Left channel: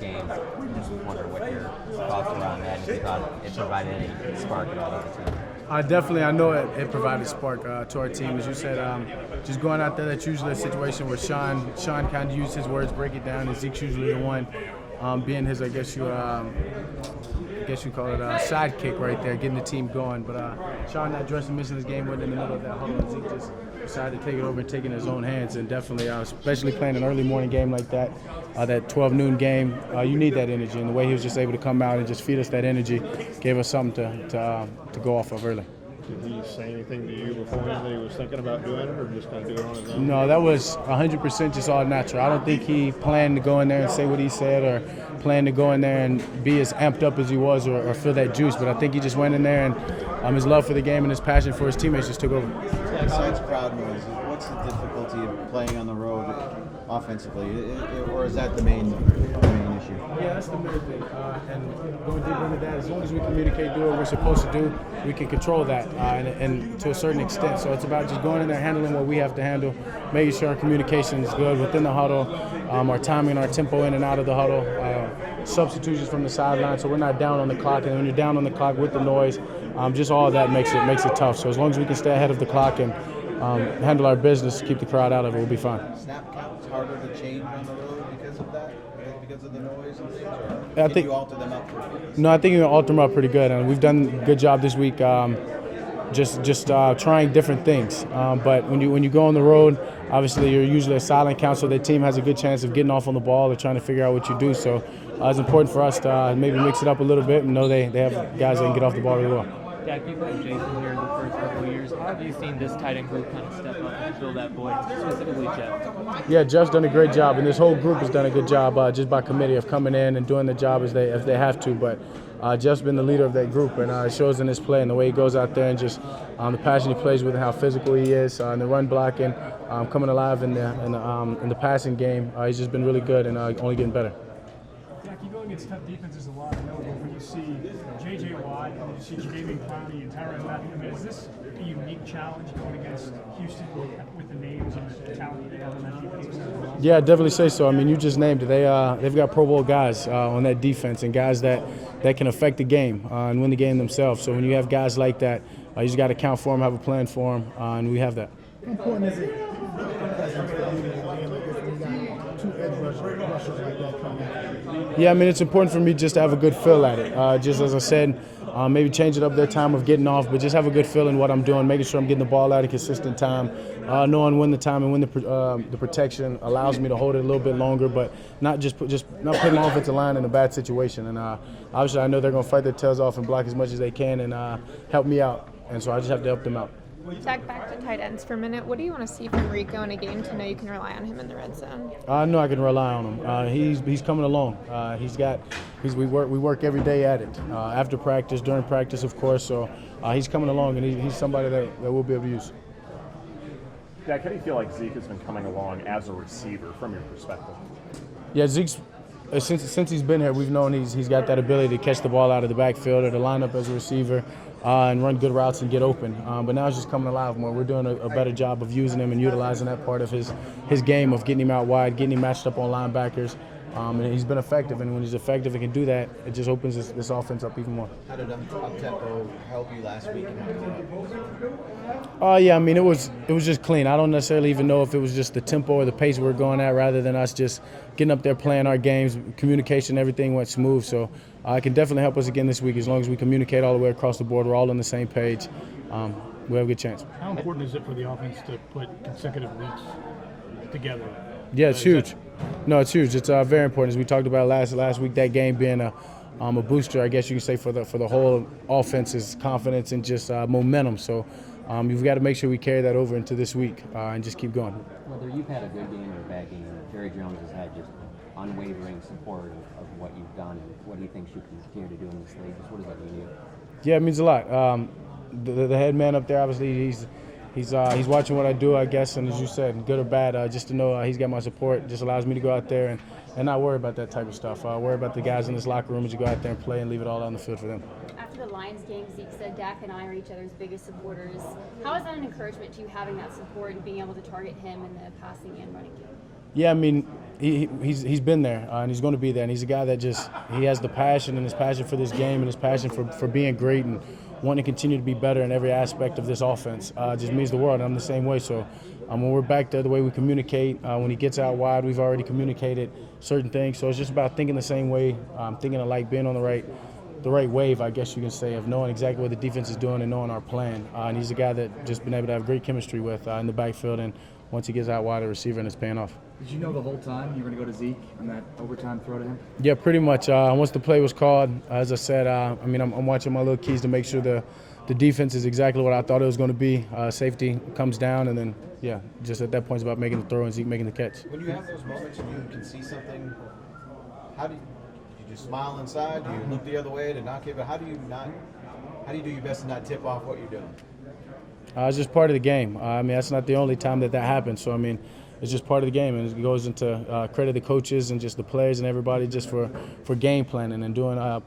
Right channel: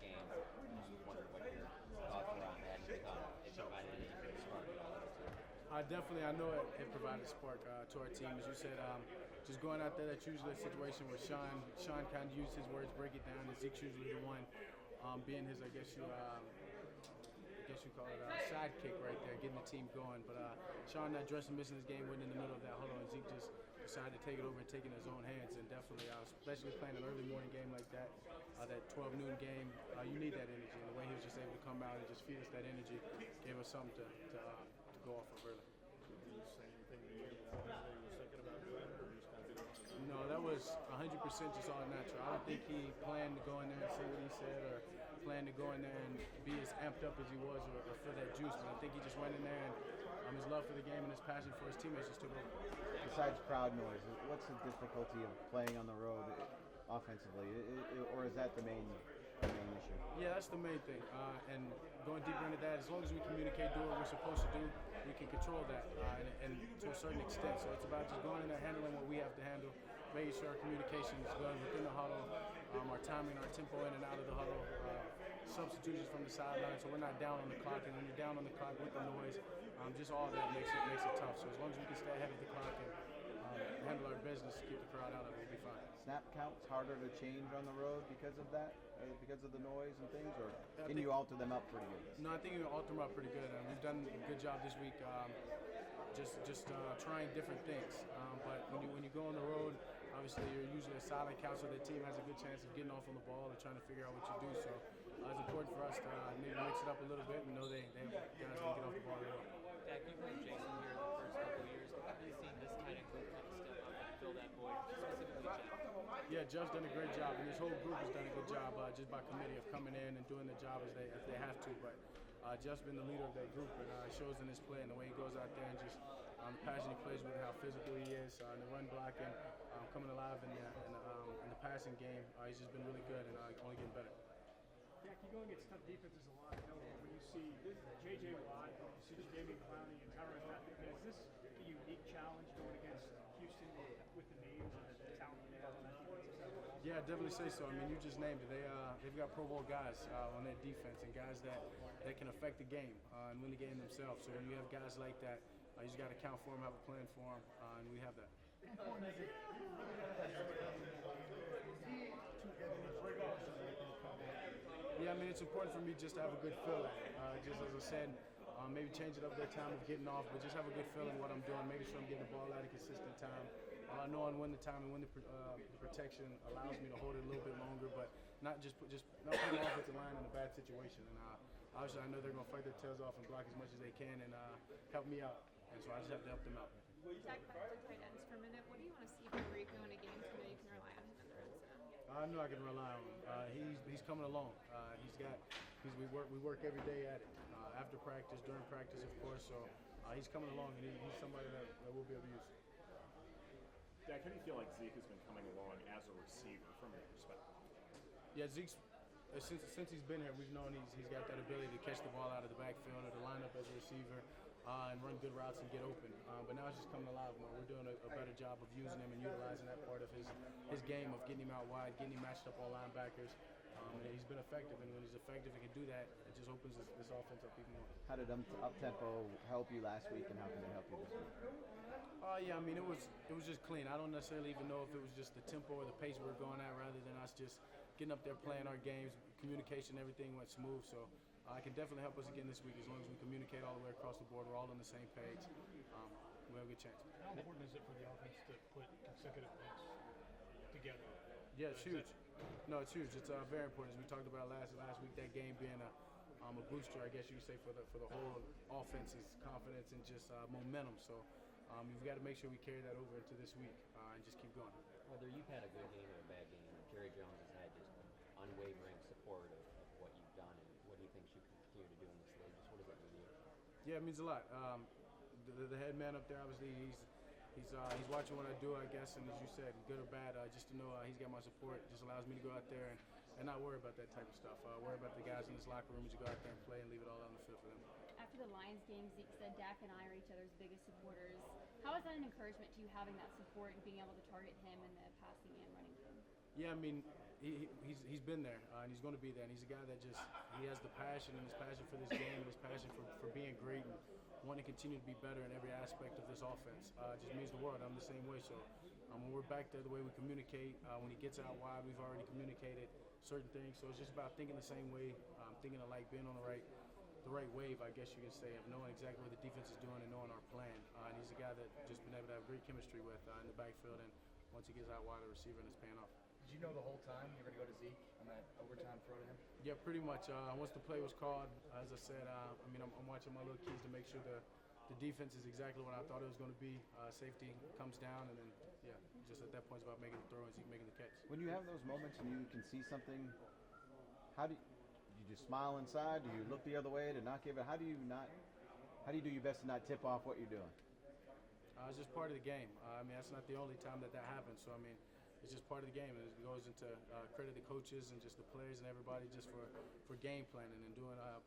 game. I just wonder what your thoughts were on that, and if you thought it provided any spark at all to the team. I know it provided spark to our team. As you said, just going out there, that's usually a situation where Sean kind of used his words, break it down, and Zeke's usually the one being his, I guess you call it a sidekick right there, getting the team going. But Sean not dressing, missing his game, went in the middle of that huddle, and Zeke just decided to take it over and take it in his own hands. And definitely, especially playing an early morning game like that, that 12 noon game, you need that energy. And the way he was just able to come out and just feed us that energy gave us something to go off of early. Did he say anything to you beforehand that he was thinking about doing it, or just going to do it on his own? No, that was 100% just all natural. I don't think he planned to go in there and say what he said, or planned to go in there and be as amped up as he was, or feel that juice. But I think he just went in there, and his love for the game and his passion for his teammates just took over. Besides crowd noise, what's the difficulty of playing on the road offensively, or is that the main issue? Yeah, that's the main thing. And going deeper into that, as long as we communicate, do what we're supposed to do, we can control that, and to a certain extent. So it's about just going in there, handling what we have to handle, making sure our communication is good within the huddle, our timing, our tempo in and out of the huddle, substitutions from the sideline, so we're not down on the clock. And when you're down on the clock with the noise, just all of that makes it tough. So as long as we can stay ahead of the clock and handle our business, keep the crowd out of it, we'll be fine. Snap count's harder to change on the road because of that, because of the noise and things, I or think you alter them up? No, I think you can alter them up pretty good, and we've done a good job this week. Just trying different things. But when you go on the road, obviously you're usually a silent count, so the team has a good chance of getting off on the ball or trying to figure out what you do. So it's important for us to maybe mix it up a little bit and know they have guys that can get off the ball really well. Dak, you've had Jason here in the first couple of years. How have you seen this tight end group kind of step up and fill that void, specifically Jeff? Yeah, Jeff's done a great job, and this whole group has done a good job just by committee of coming in and doing the job as they have to. But Jeff's been the leader of that group, and it shows in his play and the way he goes out there and just the passion he plays with and how physical he is, and the run blocking, coming alive in the passing game. He's just been really good and only getting better. Dak, you go against tough defenses a lot, I know, but when you see J.J. Watt and you see Jadeveon Clowney and Tyrann Mathieu, I mean, is this a unique challenge going against Houston with the names and the talent that they have on that defensive side? Yeah, I'd definitely say so. I mean, you just named it. They've got Pro Bowl guys on that defense and guys that can affect the game and win the game themselves. So when you have guys like that, you just got to count for them, have a plan for them, and we have that. How important is it two edge rushers like that coming out? Yeah, I mean, it's important for me just to have a good feel at it. Just as I said, maybe change it up their time of getting off, but just have a good feel in what I'm doing, making sure I'm getting the ball out at a consistent time, knowing when the time and when the protection allows me to hold it a little bit longer, but not not putting the offensive line in a bad situation. And obviously, I know they're going to fight their tails off and block as much as they can and help me out, and so I just have to help them out. Dak, back to tight ends for a minute. What do you want to see from Rico in a game to know you can rely on him in the red zone? I know I can rely on him. He's coming along. We work every day at it. After practice, during practice, of course. So he's coming along, and he's somebody that we'll be able to use. Dak, how do you feel like Zeke has been coming along as a receiver from your perspective? Yeah, Zeke's since he's been here, we've known he's got that ability to catch the ball out of the backfield or to line up as a receiver and run good routes and get open. But now it's just coming alive more. We're doing a better job of using him and utilizing that part of his game of getting him out wide, getting him matched up on linebackers. And he's been effective, and when he's effective and can do that, it just opens this offense up even more. How did up-tempo help you last week? Yeah, I mean, it was just clean. I don't necessarily even know if it was just the tempo or the pace we were going at rather than us just getting up there playing our games. Communication, everything went smooth. So it can definitely help us again this week as long as we communicate all the way across the board. We're all on the same page. We have a good chance. How important is it for the offense to put consecutive weeks together? Yeah, it's huge. No, it's huge. It's very important. As we talked about last week, that game being a booster, I guess you could say, for the whole offense's confidence and just momentum. So you've got to make sure we carry that over into this week and just keep going. Whether you've had a good game or a bad game, Jerry Jones has had just unwavering support of what you've done and what he thinks you can continue to do in this league. Just what does that mean to you? Yeah, it means a lot. The head man up there, obviously, he's watching what I do, I guess, and as you said, good or bad, just to know he's got my support just allows me to go out there and not worry about that type of stuff. Worry about the guys in this locker room as you go out there and play and leave it all on the field for them. After the Lions game, Zeke said Dak and I are each other's biggest supporters. How is that an encouragement to you, having that support and being able to target him in the passing and running game? Yeah, I mean, he's been there and he's going to be there. And he's a guy that he has the passion and his passion for this game and his passion for being great and wanting to continue to be better in every aspect of this offense. Just means the world. And I'm the same way. So when we're back there, the way we communicate, when he gets out wide, we've already communicated certain things. So it's just about thinking the same way, thinking alike, being on the right wave, I guess you can say, of knowing exactly what the defense is doing and knowing our plan. And he's a guy that just been able to have great chemistry with in the backfield. And once he gets out wide, the receiver, and it's paying off. Did you know the whole time you were going to go to Zeke on that overtime throw to him? Yeah, pretty much. Once the play was called, as I said, I'm watching my little keys to make sure the defense is exactly what I thought it was going to be. Safety comes down, and then, just at that point, it's about making the throw and Zeke making the catch. When you have those moments and you can see something, how do you just smile inside? Do you look the other way to not give it? How do you do your best to not tip off what you're doing? It's just part of the game. That's not the only time that happens. So, it's just part of the game, and it goes into credit the coaches and just the players and everybody just for game planning and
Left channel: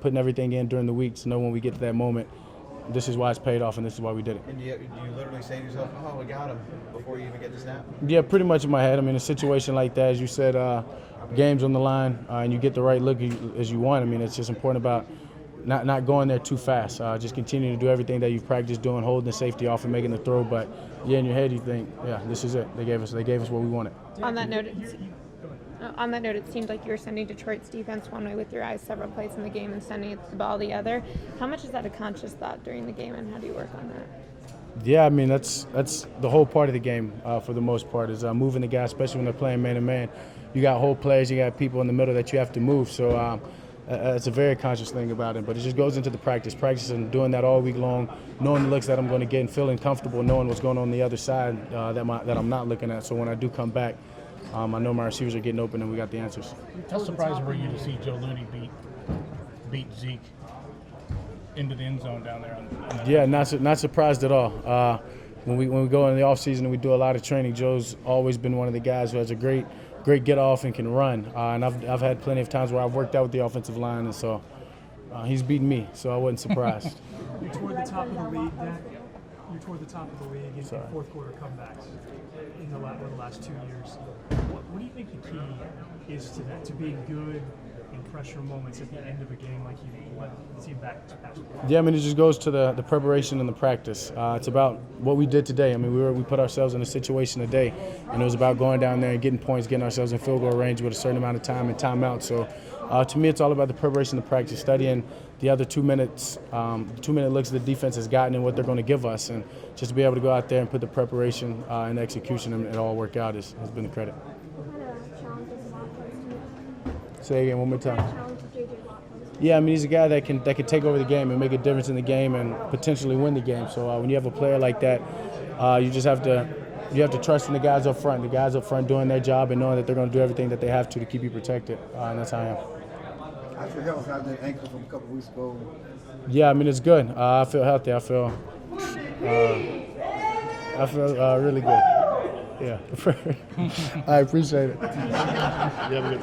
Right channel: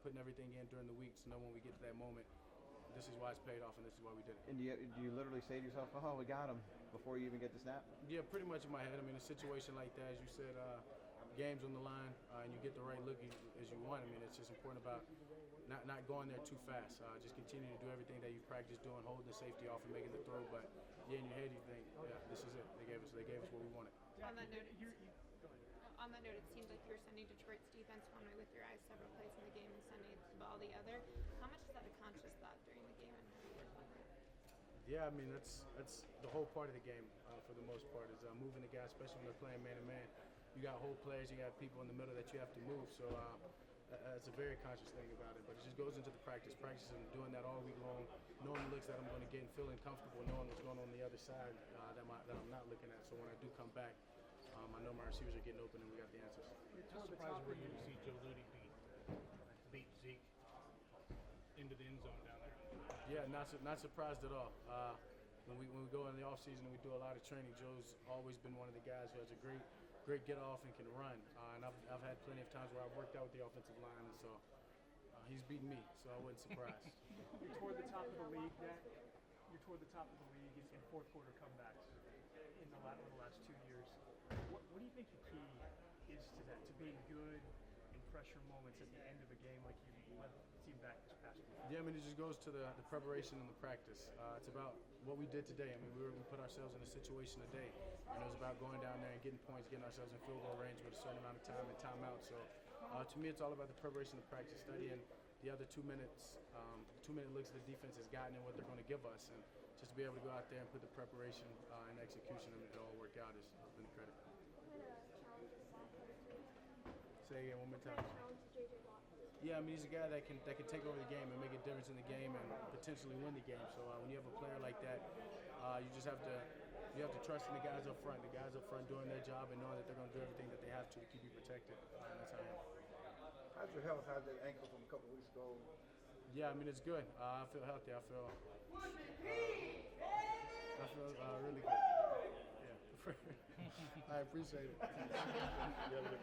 putting everything in during the week to know when we get to that moment, this is why it's paid off and this is why we did it. And do you literally say to yourself, oh, we got him, before you even get the snap? Yeah, pretty much in my head. A situation like that, as you said, game's on the line, and you get the right look as you want. It's just important about not going there too fast. Just continuing to do everything that you've practiced doing, holding the safety off and making the throw. But in your head you think, this is it. They gave us what we wanted. On that note, it seemed like you were sending Detroit's defense one way with your eyes several plays in the game and sending the ball the other. How much is that a conscious thought during the game, and how do you work on that? Yeah, that's the whole part of the game for the most part is moving the guy, especially when they're playing man-to-man. You got whole players, you got people in the middle that you have to move. So it's a very conscious thing about it, but it just goes into the practice and doing that all week long, knowing the looks that I'm going to get and feeling comfortable knowing what's going on the other side that I'm not looking at. So when I do come back, I know my receivers are getting open and we got the answers. How surprised were you to see Joe Looney beat Zeke into the end zone down there? Yeah, not surprised at all. When we go in the offseason and we do a lot of training, Joe's always been one of the guys who has a great get off and can run. And I've had plenty of times where I've worked out with the offensive line, and so he's beaten me, so I wasn't surprised. You're toward the top of the league, Dak. You're toward the top of the league in fourth quarter comebacks in the last 2 years. What do you think the key is to that, to being good in pressure moments at the end of a game like you led the team back to pass? Yeah, it just goes to the preparation and the practice. It's about what we did today. We put ourselves in a situation today, and it was about going down there and getting points, getting ourselves in field goal range with a certain amount of time and timeout. So to me, it's all about the preparation and practice, studying the other 2 minutes, 2-minute looks the defense has gotten and what they're going to give us. And just to be able to go out there and put the preparation and execution and it all work out has been the credit. Say again one more time. Yeah, he's a guy that can take over the game and make a difference in the game and potentially win the game. So when you have a player like that, you just have to trust in the guys up front. The guys up front doing their job and knowing that they're going to do everything that they have to keep you protected. And that's how I am. How's your health? How's that ankle from a couple weeks ago? Yeah, it's good. I feel healthy. I feel really good. Yeah. I appreciate it. You have a good